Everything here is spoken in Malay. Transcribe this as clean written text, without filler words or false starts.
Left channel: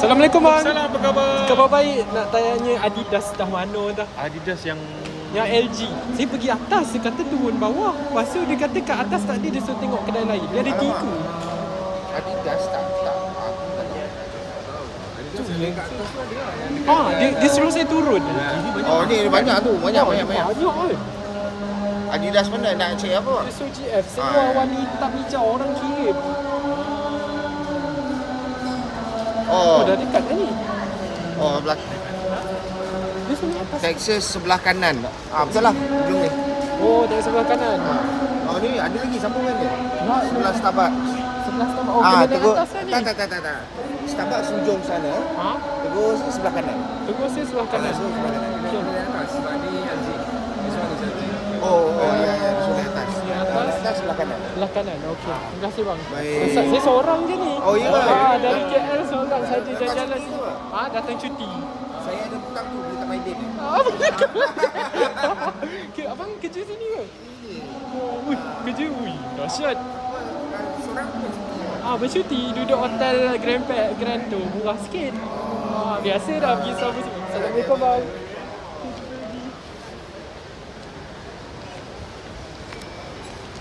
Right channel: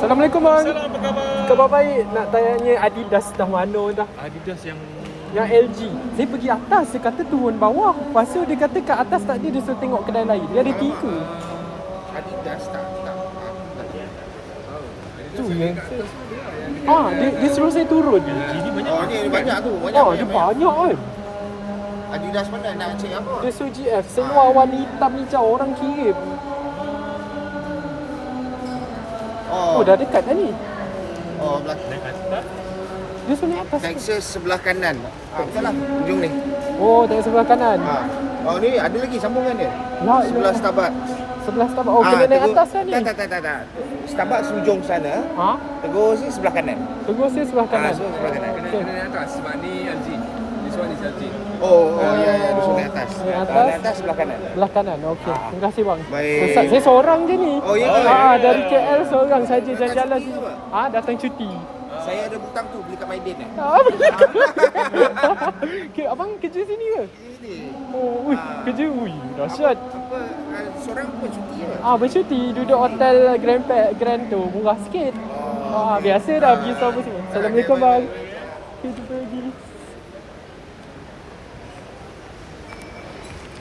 Assalamualaikum bang. Salam, apa khabar? Khabar baik. Nak tanya Adidas dah mana dah? Adidas yang Yang LG. Saya pergi atas, dia kata turun bawah. Lepas tu dia kata kat atas tak dia suruh tengok kedai lain. Dia ada 3. Adidas tak tahu. Adidas Tu ada yang kat atas pun ada. dia suruh saya turun. Oh ni banyak tu, Dia banyak kan. Adidas mana nak cek apa? Dia suruh GF. Semua warna hitam hijau orang kirim. Oh dah dekat dah ni. Oh belah Dia suruh atas. Texas sebelah kanan. Betul lah ujung ni. Oh dekat sebelah kanan. Oh ni ada lagi sambungan dia. Wah, Sebelah Starbucks. Sebelah sama. Oh kena naik atas kan ni. Tak. Starbucks ujung sana. Ha? Terus sebelah kanan. Tunggu saya sebelah kanan. Sebelah kanan. Okey. Naik atas sebab ni LG. This one is LG. Oh ya dia suruh naik atas. Naik atas. Naik atas sebelah kanan. Sebelah kanan. Okey. Terima kasih bang. Baik. Ustaz, saya seorang je ni. Oh, ya ke? Dari KL seorang saja jalan-jalan cuti sini. ke? Datang cuti. Saya ada butang tu beli kat Maiden ni. Abang kerja sini ke? Ini. Oh, kerja. Dahsyat. Apa seorang pun cuti ke? Bercuti duduk hotel Grand tu murah sikit. Biasa dah pergi sama semua. Assalamualaikum bang. Okay, jumpa lagi.